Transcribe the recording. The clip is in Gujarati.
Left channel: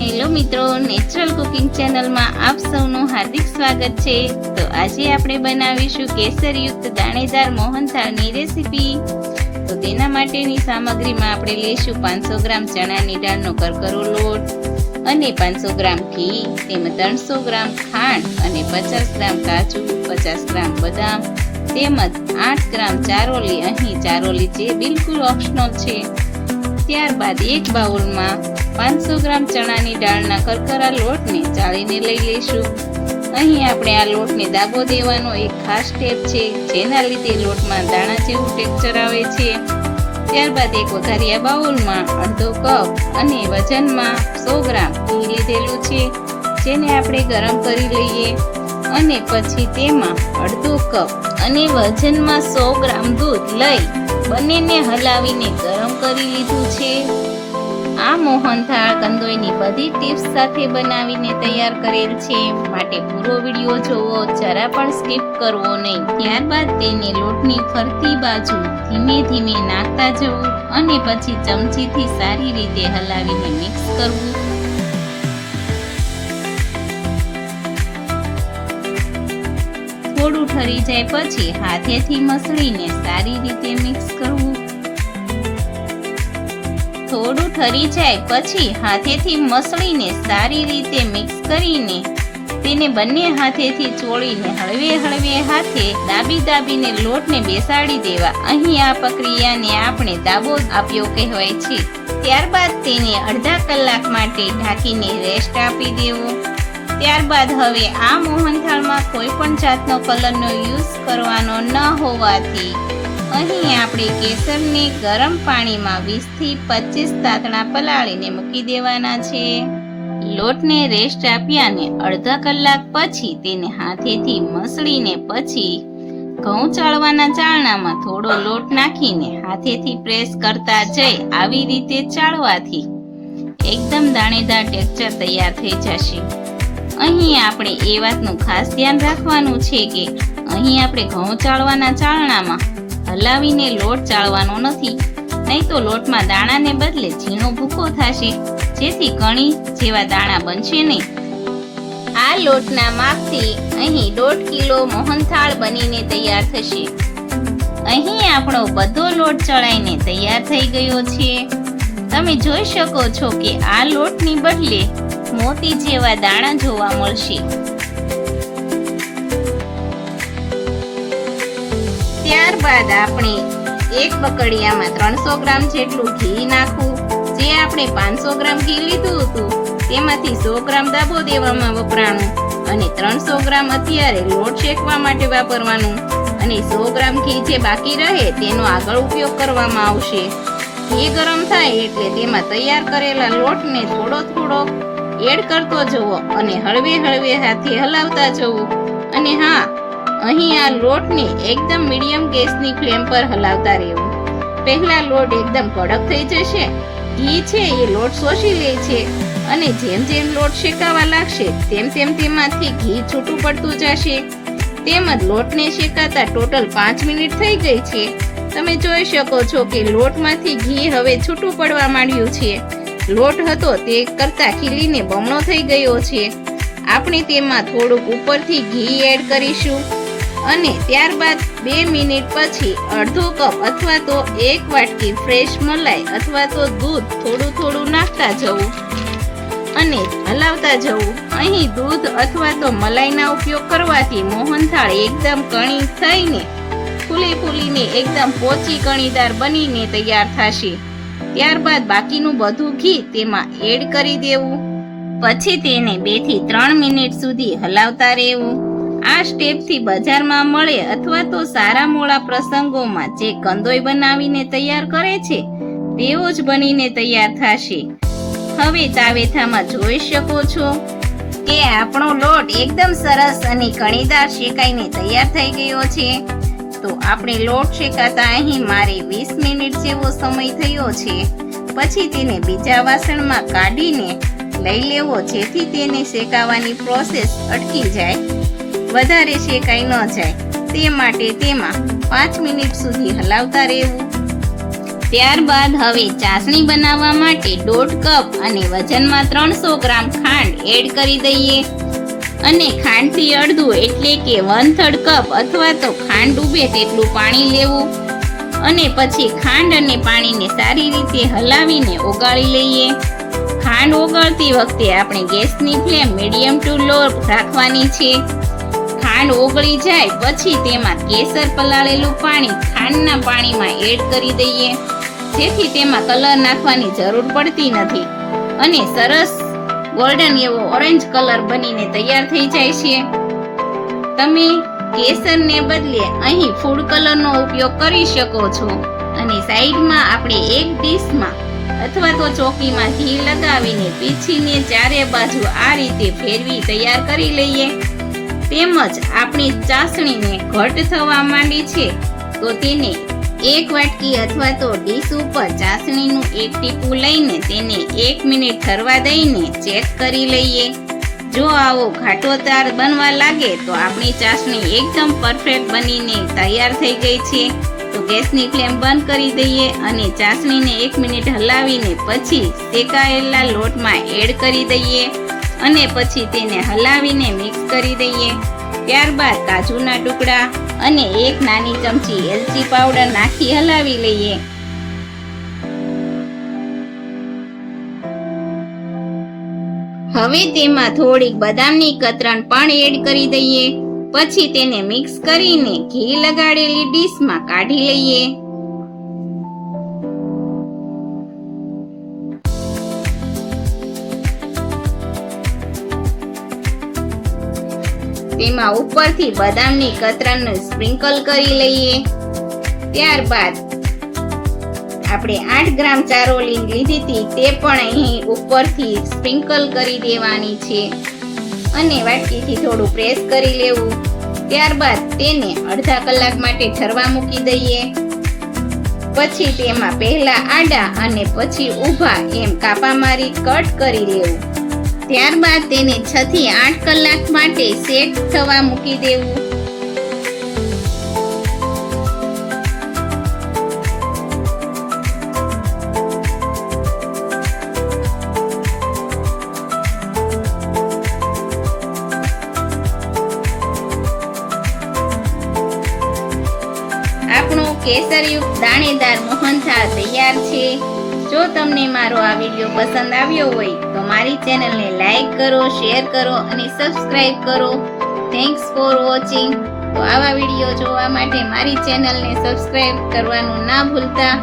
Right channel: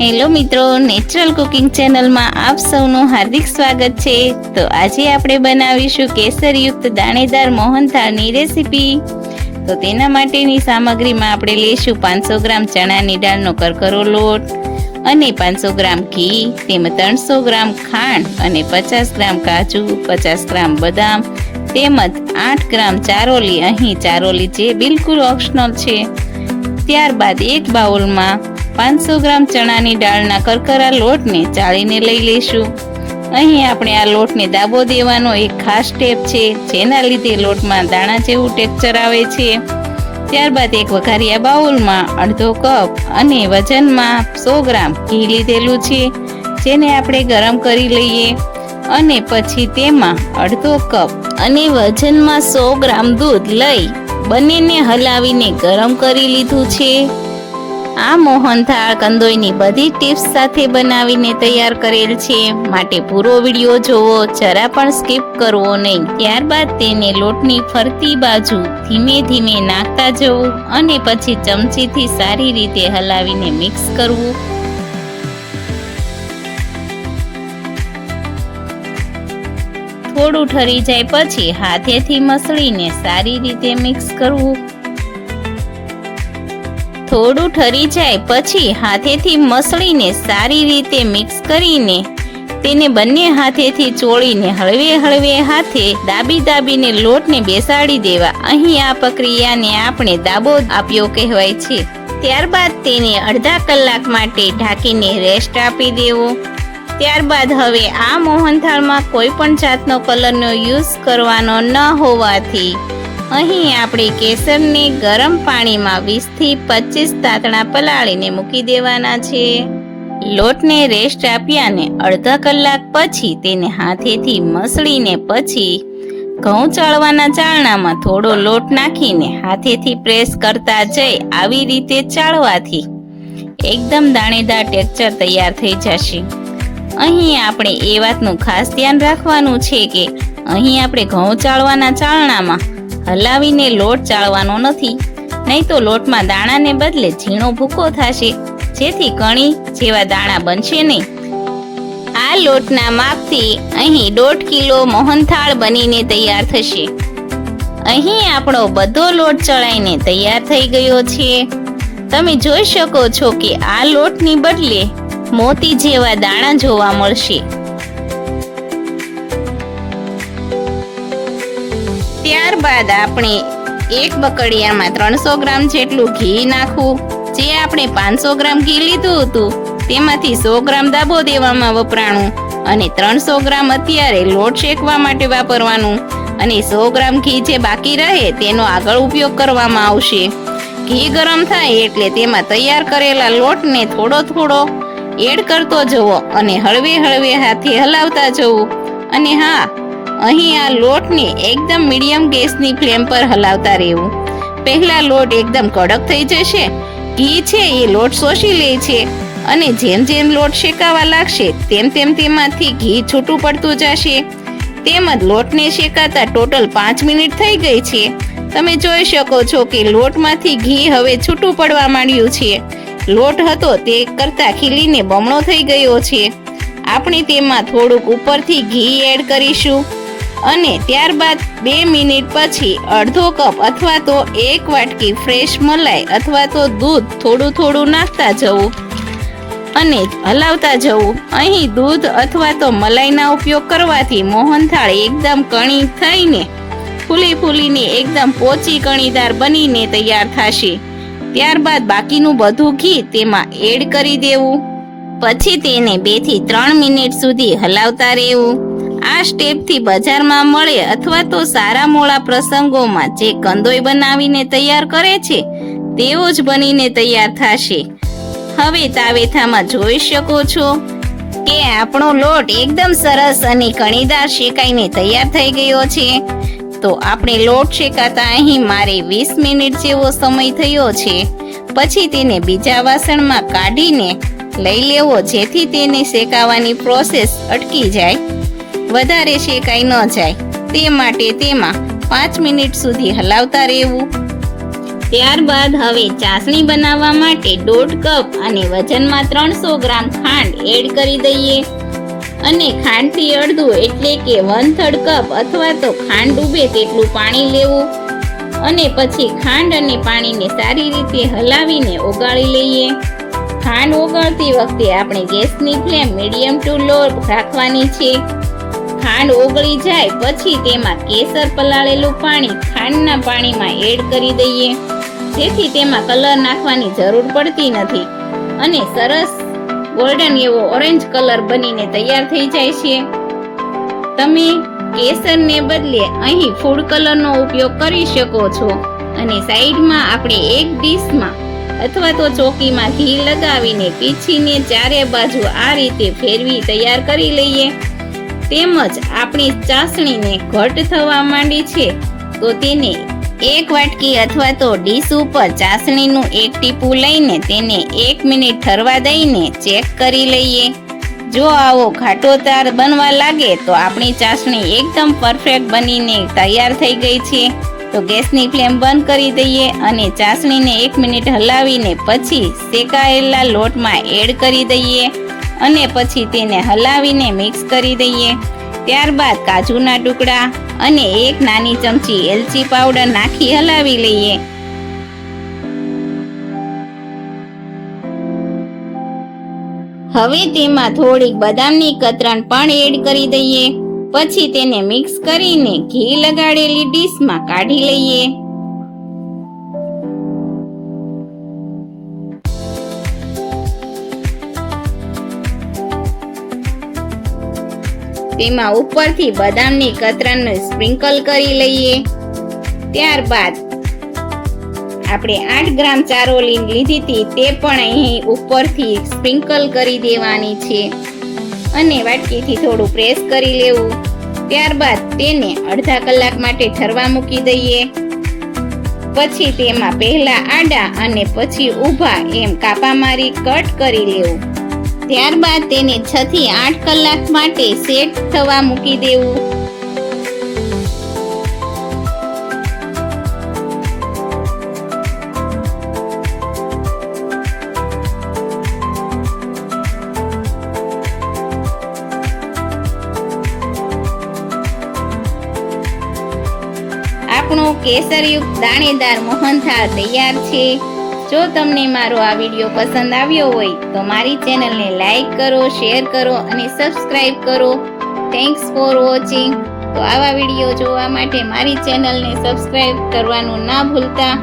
હેલો મિત્રો, નેચરલ કુકિંગ ચેનલમાં આપ સૌનું હાર્દિક સ્વાગત છે. તો આજે આપણે બનાવીશું કેસરયુક્ત દાણેદાર મોહનથાળની રેસીપી. તો તેના માટેની સામગ્રીમાં આપણે લઈશું પાંચસો ગ્રામ ચણાની દાળનો કરકરો લોટ અને પાંચસો ગ્રામ ઘી તેમજ ત્રણસો ગ્રામ ખાંડ અને પચાસ ગ્રામ કાજુ, પચાસ ગ્રામ બદામ, તેમજ આઠ ગ્રામ ચારોલી. અહીં ચારોલી જે બિલકુલ ઓપ્શનલ છે. ત્યારબાદ એક બાઉલમાં પાંચસો ગ્રામ ચણાની દાળના કરકરા લોટને ચાળીને લઈ લઈશું. અહીં આપણે આ લોટને દાબો દેવાનો એક ખાસ સ્ટેપ છે, જેના લીધે લોટમાં દાણા જેવું ટેક્ચર આવે છે. ત્યારબાદ એક વઘારિયા બાઉલમાં અડધો કપ અને વજનમાં સો ગ્રામ ઘી લીધેલું છે, જેને આપણે ગરમ કરી લઈએ. અને પછી તેમાં અડધો કપ અને વજનમાં સો ગ્રામ દૂધ લઈ બંનેને હલાવીને ગરમ કરી લીધું છે. આ મોહનથાળ કંદોઈની બધી ટિપ્સ સાથે બનાવીને તૈયાર કરેલ છે. માટે પૂરો વીડિયો જોવો, જરા પણ સ્કીપ કરવો નહીં. ત્યારબાદ તેને લોટની ફરતી બાજુ ધીમે ધીમે નાખતા જવું અને પછી ચમચીથી સારી રીતે હલાવીને મિક્સ કરવું. થોડું ઠરી જાય પછી હાથેથી મસળીને સારી રીતે મિક્સ કરવું. થોડું ઠરી જાય, પછી હાથેથી મસળીને સારી રીતે મિક્સ કરીને તેને બંને હાથેથી ચોળીને હળવે હળવે હાથે દાબી દાબીને લોટને બેસાડી દેવા. અહીં આ પ્રક્રિયાને આપણે દાબો આપ્યો કહેવાય છે. ત્યારબાદ તેને અડધા કલાક માટે ઢાંકીને રેસ્ટ આપી દેવો. ત્યારબાદ હવે આ મોહનથાળમાં કોઈ પણ જાતનો કલરનો યુઝ કરવાનો ન હોવાથી અહીં આપણે કેસરને ગરમ પાણીમાં વીસથી પચીસ તાતણા પલાળીને મૂકી દેવાના છે. લોટને રેસ્ટ આપ્યાને અડધા કલાક પછી તેને હાથેથી મસળીને પછી ઘઉં ચાળવાના ચાળણામાં થોડો લોટ નાખીને હાથેથી પ્રેસ કરતા જઈ આવી રીતે ચાળવાથી એકદમ દાણેદાર ટેક્ચર તૈયાર થઈ જશે. અહીં આપણે એ વાતનું ખાસ ધ્યાન રાખવાનું છે કે અહીં આપણે ઘઉં ચાળવાના ચાળણામાં હલાવીને લોટ ચાળવાનો નથી, નહીં તો લોટમાં દાણાને બદલે ઝીણો ભૂકો થશે, જેથી કણી જેવા દાણા બનશે નહીં. આ લોટના માપથી અહીં દોઢ કિલો મોહનથાળ બનીને તૈયાર થશે. અહીં આપણો બધો લોટ ચડાઈને તૈયાર થઈ ગયો છે. તમે જોઈ શકો છો કે આ લોટની બદલે મોતી જેવા દાણા જોવા મળશે. ત્યારબાદ આપણે એક બકડિયામાં ત્રણસો ગ્રામ જેટલું ઘી નાખવું. જે આપણે પાંચસો ગ્રામ ઘી લીધું હતું, તેમાંથી સો ગ્રામ દાબો દેવામાં વપરાણું અને ત્રણસો ગ્રામ અત્યારે લોટ શેકવા માટે વાપરવાનું. અને સો ગ્રામ ઘી જે બાકી રહે, તેનો આગળ ઉપયોગ કરવામાં આવશે. ઘી ગરમ થાય એટલે તેમાં તૈયાર કરેલા લોટને થોડો થોડો એડ કરતો જવો અને હળવે હળવે હાથે હલાવતા જવું. અને હા અહીં આ લોટને એકદમ મીડિયમ ગેસની ફ્લેમ પર હલાવતા રહેવું. પહેલા લોટ એકદમ કડક થઈ જશે. ઘી છે એ લોટ શોષી લે છે અને જેમ જેમ લોટ શેકાવા લાગશે તેમ તેમ તેમાંથી ઘી છૂટું પડતું જશે. તેમજ લોટને શેકાતા ટોટલ પાંચ મિનિટ થઈ ગઈ છે. તમે જોઈ શકો છો કે લોટમાંથી ઘી હવે છૂટું પડવા માંડ્યું છે. લોટ હતો તે કરતાં ખીલીને બમણો થઈ ગયો છે. આપણે તેમાં થોડુંક ઉપરથી ઘી એડ કરીશું. અને ત્યારબાદ બે મિનિટ પછી અડધો કપ અથવા તો એક વાટકી ફ્રેશ મલાઈ અથવા તો દૂધ થોડું થોડું નાખતા જવું. અને હલાવતા જવું. અહીં દૂધ અથવા તો મલાઈના ઉપયોગ કરવાથી મોહનથાળ એકદમ કણી થઈને ફૂલી ફૂલીને એકદમ પોચી કણીદાર બનીને તૈયાર થશે. ત્યારબાદ બાકીનું બધું ઘી તેમાં એડ કરી દેવું. પછી તેને બેથી ત્રણ મિનિટ સુધી હલાવતા રહેવું. આ સ્ટેપથી બજારમાં મળે અથવા તો સારા મોળા પ્રસંગોમાં જે કંદોઈ બનાવીને તૈયાર કરે છે તેવો જ બનીને તૈયાર થશે. હવે તાવેથામાં જોઈ શકો છો કે આપણો લોટ એકદમ સરસ અને કણીદાર શેકાઈને તૈયાર થઈ ગયો છે. તો આપણે લોટ શેકાતા અહીં મારે વીસ મિનિટ જેવો સમય થયો છે. પછી તેને બીજા વાસણમાં કાઢીને લઈ લેવો, જેથી તેને શેકાવાની પ્રોસેસ અટકી જાય. વધારે શેકાઈ ન જાય. તે માટે તેમાં પાંચ મિનિટ સુધી હલાવતા રહેવું. ત્યારબાદ હવે ચાસણી બનાવવા માટે દોઢ કપ અને વજનમાં ત્રણસો ગ્રામ ખાંડ એડ કરી દઈએ. અને ખાંડથી અડધું એટલે કે વન થર્ડ કપ અથવા તો ખાંડ ડૂબે તેટલું પાણી લેવું. અને પછી ખાંડ અને પાણીને સારી રીતે હલાવીને ઓગાળી લઈએ. ખાંડ ઓગાળતી વખતે આપણે ગેસની ફ્લેમ મીડિયમ ટુ લો રાખવાની છે. ખાંડ ઓગળી જાય પછી તેમાં કેસર પલાળેલું પાણી ખાંડના પાણીમાં એડ કરી દઈએ. જેથી તેમાં કલર નાખવાની જરૂર પડતી નથી. અને સરસ ગોલ્ડન એવો ઓરેન્જ કલર બનીને તૈયાર થઈ જાય છે. તમે કેસરને બદલે અહીં ફૂડ કલરનો ઉપયોગ કરી શકો છો. અને સાઈડમાં આપણે એક ડીશમાં અથવા તો ચોકીમાં ઘી લગાવીને પીછીને ચારે બાજુ આ રીતે ફેરવી તૈયાર કરી લઈએ. તેમજ આપણી ચાસણીને ઘટ થવા માંડી છે, તો તેને એક વાટકી અથવા તો ડીશ ઉપર ચાસણીનું એક ટીપું લઈને તેને એક મિનિટ ઠરવા દઈને ચેક કરી લઈએ. જો આવો ઘાટો તાર બનવા લાગે તો આપણી ચાસણી એકદમ પરફેક્ટ બનીને તૈયાર થઈ ગઈ છે. તો ગેસની ફ્લેમ બંધ કરી દઈએ અને ચાસણીને એક મિનિટ હલાવીને પછી શેકાયેલા લોટમાં એડ કરી દઈએ. અને પછી તેને હલાવીને મિક્સ કરી દઈએ. ત્યારબાદ કાજુના ટુકડા અને એક નાની ચમચી એલચી પાવડર નાખી હલાવી લઈએ. હવે તેમાં થોડીક બદામની કતરણ પણ એડ કરી દઈએ. પછી તેને મિક્સ કરીને ઘી લગાડેલી ડીશમાં કાઢી લઈએ. તેમાં ઉપરથી બદામની કતરણને સ્પ્રિંકલ કરી લઈએ. ત્યારબાદ આપણે આઠ ગ્રામ ચારોલી લીધી હતી, તે પણ અહીં ઉપરથી સ્પ્રિંકલ કરી દેવાની છે. અને વાટકીથી થોડું પ્રેસ કરી લેવું. ત્યારબાદ તેને અડધા કલાક માટે ઠરવા મૂકી દઈએ. પછી તેમાં પહેલા આડા અને પછી ઊભા એમ કાપા મારી કટ કરી લેવું. ત્યારબાદ તેને છ થી આઠ કલાક માટે સેટ થવા મૂકી દેવું. આપણું કેસરયુક્ત દાણેદાર મોહનથાળ તૈયાર છે. જો તમને મારો આ વીડિયો પસંદ આવ્યો હોય, તો મારી ચેનલને લાઈક કરો, શેર કરો અને સબસ્ક્રાઈબ કરો. થેન્ક્સ ફોર વોચિંગ તો આવા વીડિયો જોવા માટે મારી ચેનલને સબસ્ક્રાઈબ કરવાનું ના ભૂલતા.